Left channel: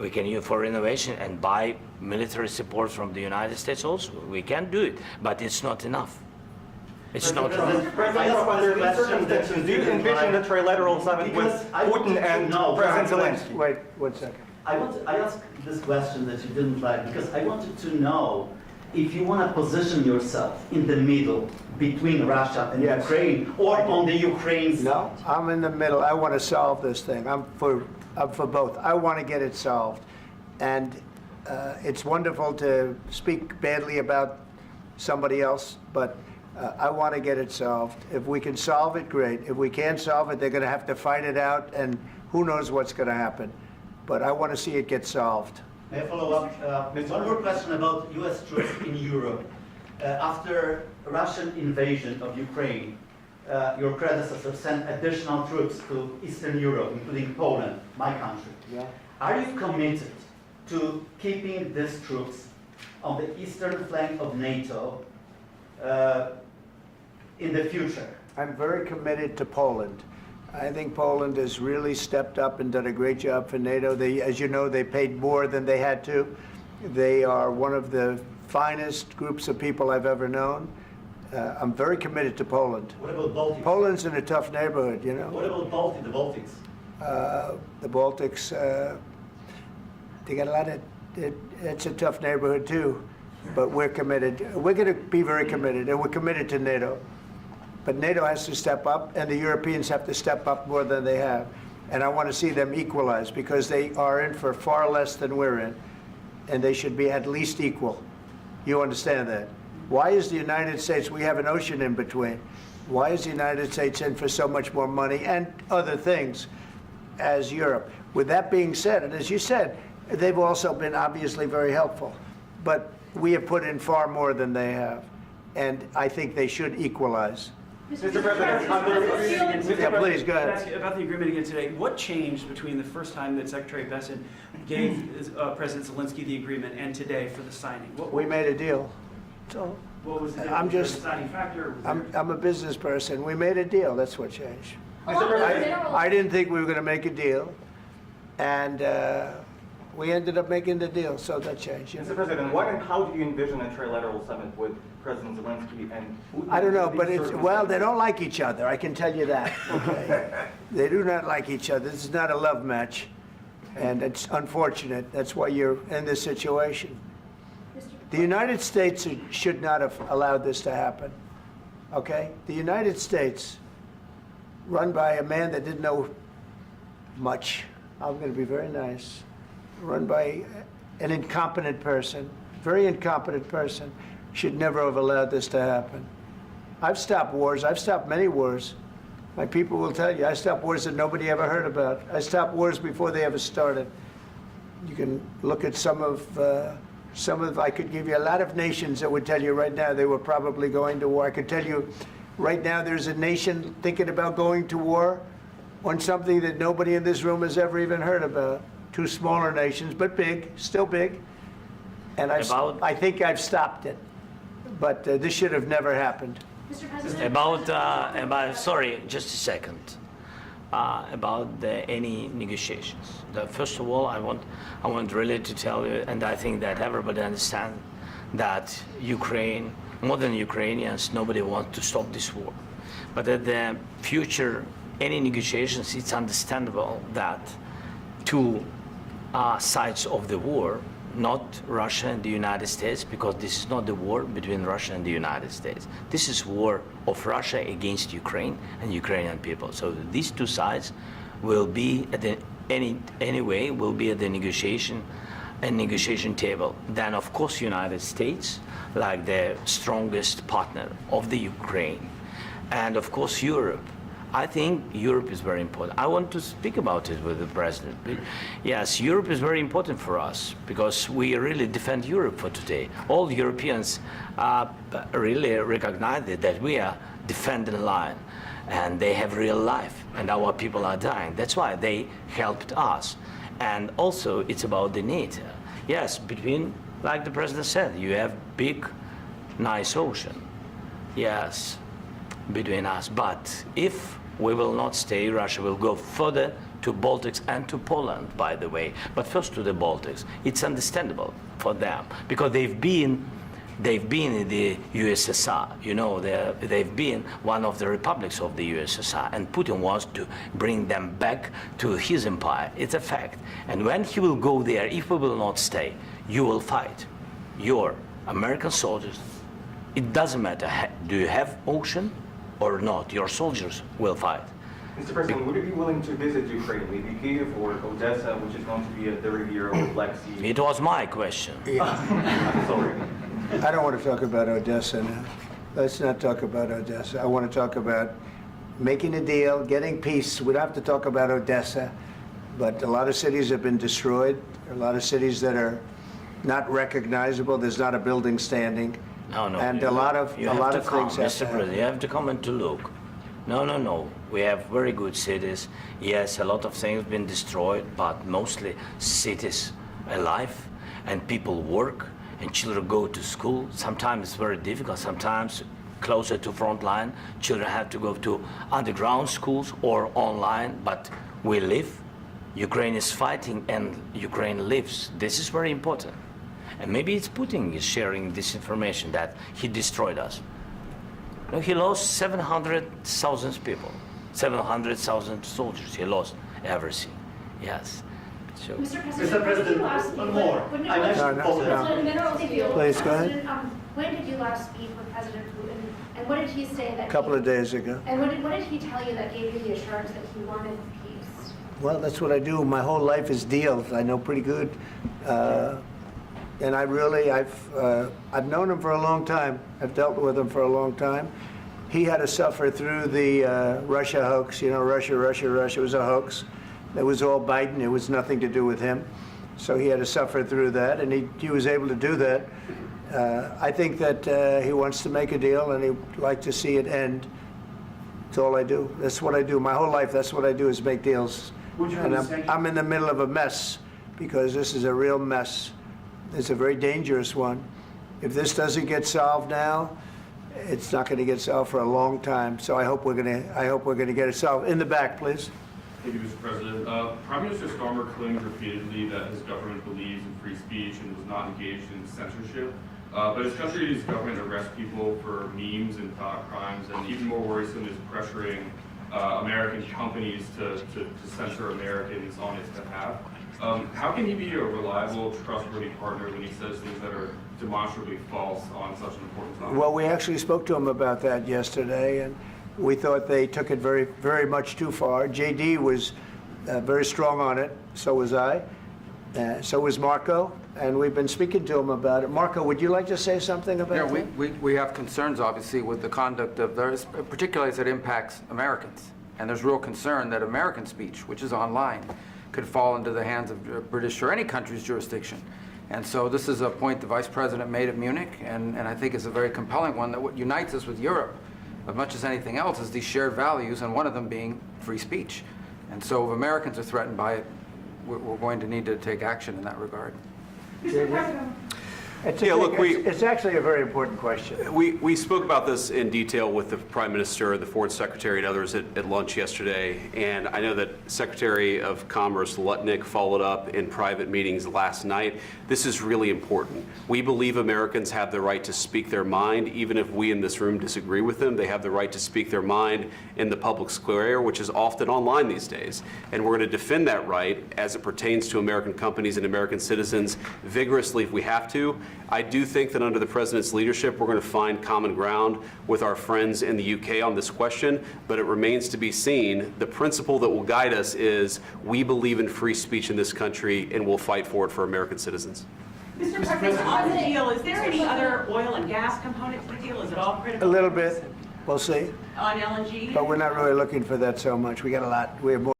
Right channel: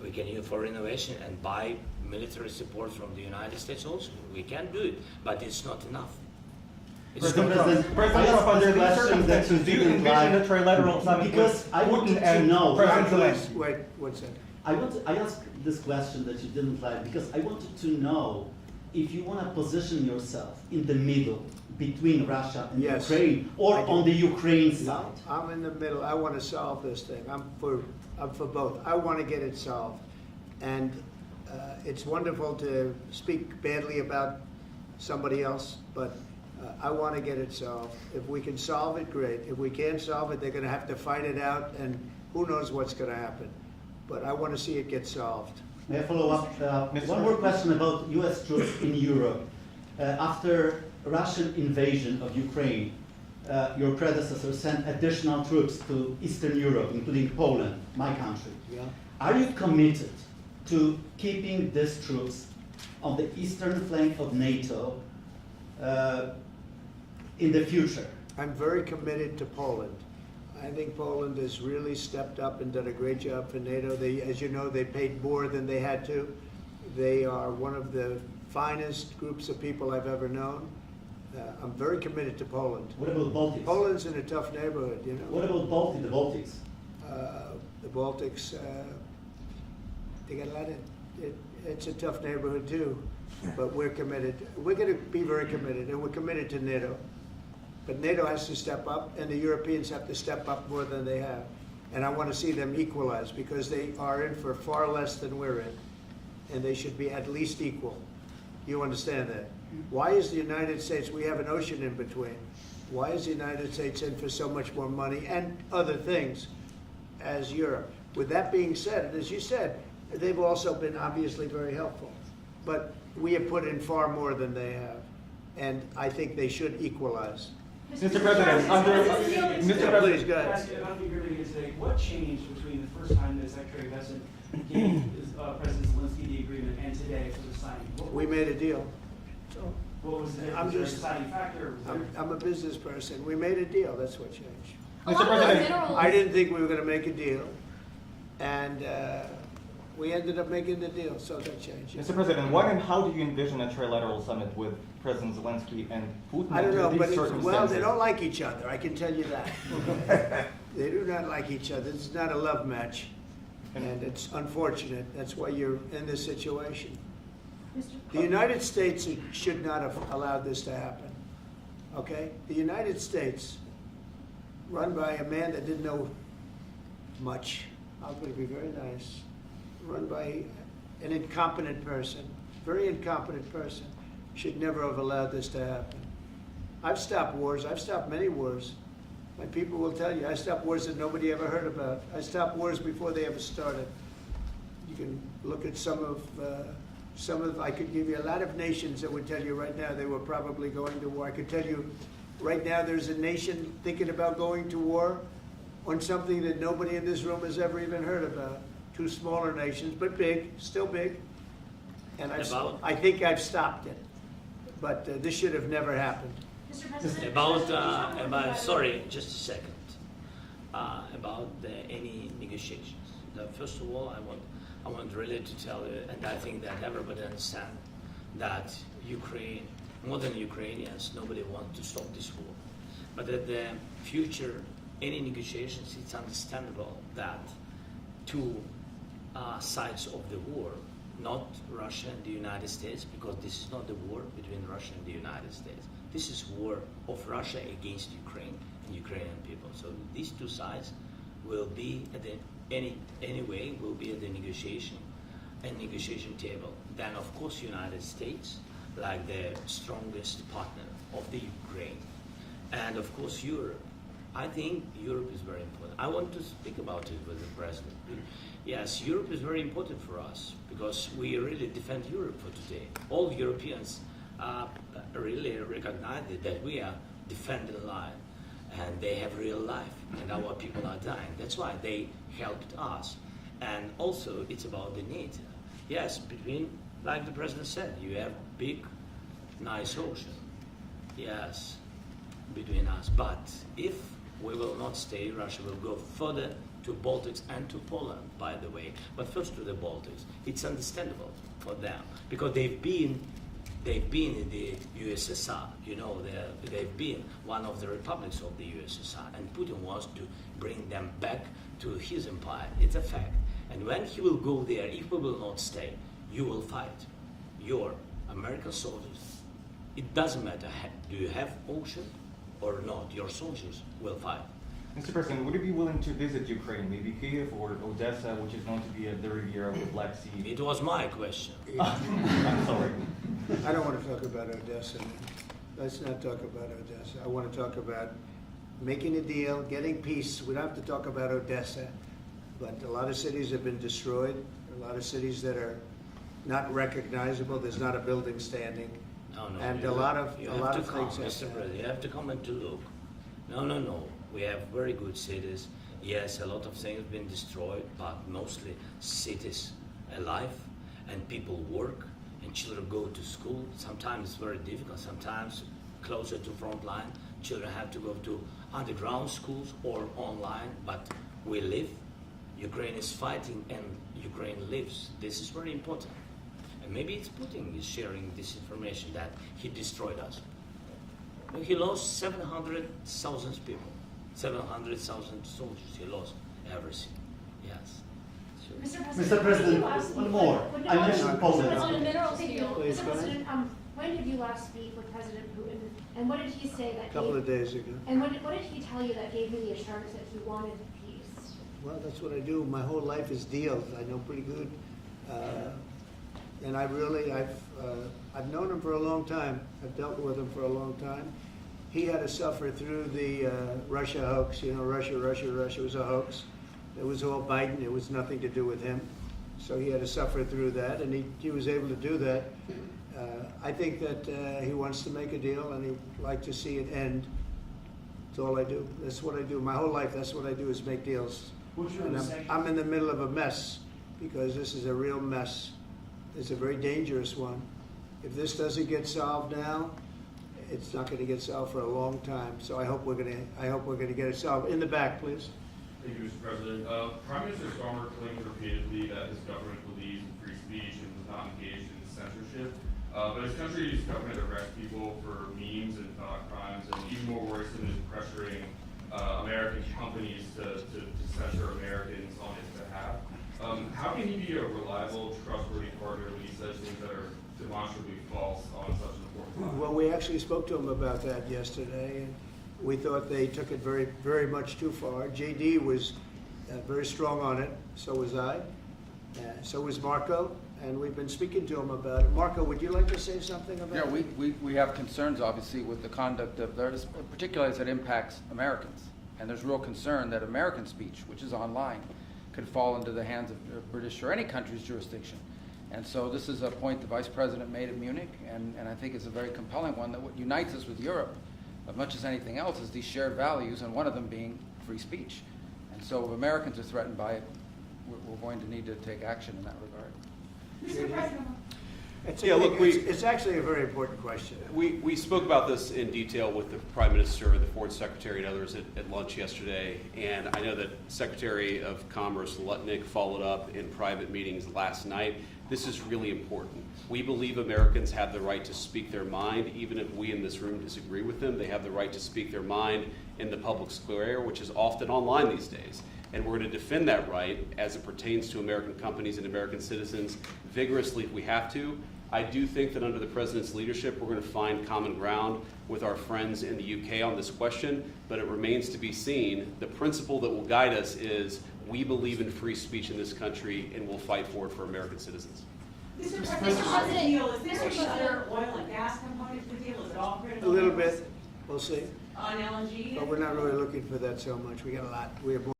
We can use for innovation and buy military support from the United States also. We can do it, but it's not enough. It's not enough. President, under these circumstances, do you envision a trilateral summit with Putin and President Zelenskyy? Wait 1 second. I asked this question that you didn't like because I wanted to know if you want to position yourself in the middle between Russia and Yes. Ukraine or on the Ukraine side. No, I'm in the middle. I want to solve this thing. I'm for both. I want to get it solved. And it's wonderful to speak badly about somebody else, but I want to get it solved. If we can solve it, great. If we can't solve it, they're going to have to fight it out, and who knows what's going to happen. But I want to see it get solved. May I follow up? One more question about U.S. troops in Europe. After Russian invasion of Ukraine, your predecessor sent additional troops to Eastern Europe, including Poland, my country. Yeah. Are you committed to keeping these troops on the eastern flank of NATO in the future? I'm very committed to Poland. I think Poland has really stepped up and done a great job for NATO. They, as you know, they paid more than they had to. They are one of the finest groups of people I've ever known. I'm very committed to Poland. What about Baltics? Poland's in a tough neighborhood, you know. What about the Baltics? The Baltics, they got a lot of, it's a tough neighborhood too, but we're committed. We're going to be very committed, and we're committed to NATO. But NATO has to step up, and the Europeans have to step up more than they have. And I want to see them equalize, because they are in for far less than we're in, and they should be at least equal. You understand that? Why is the United States, we have an ocean in between, why is the United States in for so much more money and other things as Europe? With that being said, and as you said, they've also been obviously very helpful, but we have put in far more than they have, and I think they should equalize. Mr. President, Please, go ahead. Ask you about the agreement again today. What changed between the first time that Secretary Vance gave President Zelenskyy the agreement and today for the signing? We made a deal. So What was the I'm just, deciding factor? I'm a business person. We made a deal. That's what changed. Mr. President, I didn't think we were going to make a deal, and we ended up making the deal, so that changed. Mr. President, what and how do you envision a trilateral summit with President Zelenskyy and Putin? I don't know, under but these well, they circumstances? don't like each other, I can tell you that. Okay? They do not like each other. This is not a love match, and it's unfortunate. That's why you're in this situation. The United States should not have allowed this to happen, okay? The United States, run by a man that didn't know much, I'm going to be very nice, run by an incompetent person, very incompetent person, should never have allowed this to happen. I've stopped wars. I've stopped many wars. My people will tell you, I stopped wars that nobody ever heard about. I stopped wars before they ever started. You can look at some of, I could give you a lot of nations that would tell you right now they were probably going to war. I could tell you right now there's a nation thinking about going to war on something that nobody in this room has ever even heard about. Two smaller nations, but big, still big. And I think I've stopped it. But this should have never happened. Mr. President, About sorry, just a second. About any negotiations. First of all, I want really to tell you, and I think that everybody understands that Ukraine, modern Ukrainians, nobody wants to stop this war. But at the future, any negotiations, it's understandable that two sides of the war, not Russia and the United States, because this is not the war between Russia and the United States. This is war of Russia against Ukraine and Ukrainian people. So these two sides will be at the anyway will be at the negotiation table. Then of course United States, like the strongest partner of the Ukraine, and of course Europe. I think Europe is very important. I want to speak about it with the president. Yes, Europe is very important for us because we really defend Europe for today. All Europeans really recognize that we are defending the line, and they have real life, and our people are dying. That's why they helped us. And also, it's about the NATO. Yes, between, like the president said, you have big, nice ocean. Yes, between us. But if we will not stay, Russia will go further to Baltics and to Poland, by the way. But first to the Baltics. It's understandable for them because they've been in the USSR, you know, they've been one of the republics of the USSR, and Putin wants to bring them back to his empire. It's a fact. And when he will go there, if we will not stay, you will fight. Your American soldiers, it doesn't matter, do you have ocean or not, your soldiers will fight. Mr. President, would you be willing to visit Ukraine, maybe Kyiv or Odessa, which is known to be a dirty area of the Black Sea? It was my question. I'm sorry. I don't want to talk about Odessa now. Let's not talk about Odessa. I want to talk about making a deal, getting peace. We don't have to talk about Odessa, but a lot of cities have been destroyed. There are a lot of cities that are not recognizable. There's not a building standing. No, And a lot of you things have to have come, to Mr. President, you have to come and to look. No. We have very good cities. Yes, a lot of things been destroyed, but mostly cities alive and people work and children go to school. Sometimes it's very difficult. Sometimes closer to front line, children have to go to underground schools or online, but we live. Ukraine is fighting and Ukraine lives. This is very important. And maybe it's Putin is sharing this information that he destroyed us. No, he lost 700,000 people, 700,000 soldiers. He lost everything. Yes. So, Mr. President, one more. I mentioned Poland. Please, go ahead. When did you last speak with President Putin, and what did he say that? A couple of days ago. And what did he tell you that gave you the assurance that he wanted peace? Well, that's what I do. My whole life is deals. I know pretty good. And I've known him for a long time. I've dealt with him for a long time. He had to suffer through the Russia hoax. You know, Russia was a hoax. It was all Biden. It was nothing to do with him. So he had to suffer through that, and he was able to do that. I think that he wants to make a deal, and he'd like to see it end. That's all I do. That's what I do. My whole life, that's what I do, is make deals. And I'm in the middle of a mess, because this is a real mess. It's a very dangerous one. If this doesn't get solved now, it's not going to get solved for a long time. So I hope we're going to get it solved. In the back, please. Thank you, Mr. President. Prime Minister Starmer claims repeatedly that his government believes in free speech and was not engaged in censorship. But his country's government arrests people for memes and thought crimes, and even more worrisome is pressuring American companies to censor Americans on his behalf. How can he be a reliable, trustworthy partner when he says things that are demonstrably false on such an important topic? Well, we actually spoke to him about that yesterday, and we thought they took it very, very much too far. JD was very strong on it. So was I. So was Marco. And we've been speaking to him about it. Marco, would you like to say something about that? Yeah, we have concerns, obviously, with the conduct of theirs, particularly as it impacts Americans. And there's real concern that American speech, which is online, could fall into the hands of British or any country's jurisdiction. And so this is a point the Vice President made at Munich, and I think it's a very compelling one, that what unites us with Europe, as much as anything else, is these shared values, and one of them being free speech. And so if Americans are threatened by it, we're going to need to take action in that regard. Mr. President. It's actually a very important question. We spoke about this in detail with the Prime Minister, the Foreign Secretary, and others at lunch yesterday, and I know that Secretary of Commerce Lutnick followed up in private meetings last night. This is really important. We believe Americans have the right to speak their mind, even if we in this room disagree with them. They have the right to speak their mind in the public square, which is often online these days. And we're going to defend that right as it pertains to American companies and American citizens vigorously if we have to. I do think that under the President's leadership, we're going to find common ground with our friends in the UK on this question, but it remains to be seen. The principle that will guide us is we believe in free speech in this country, and we'll fight for it for American citizens. Mr. President, on the deal, is there any other oil and gas component to the deal? Is it all critical? A little bit. We'll see. On LNG? But we're not really looking for that so much. We got a lot. We have more.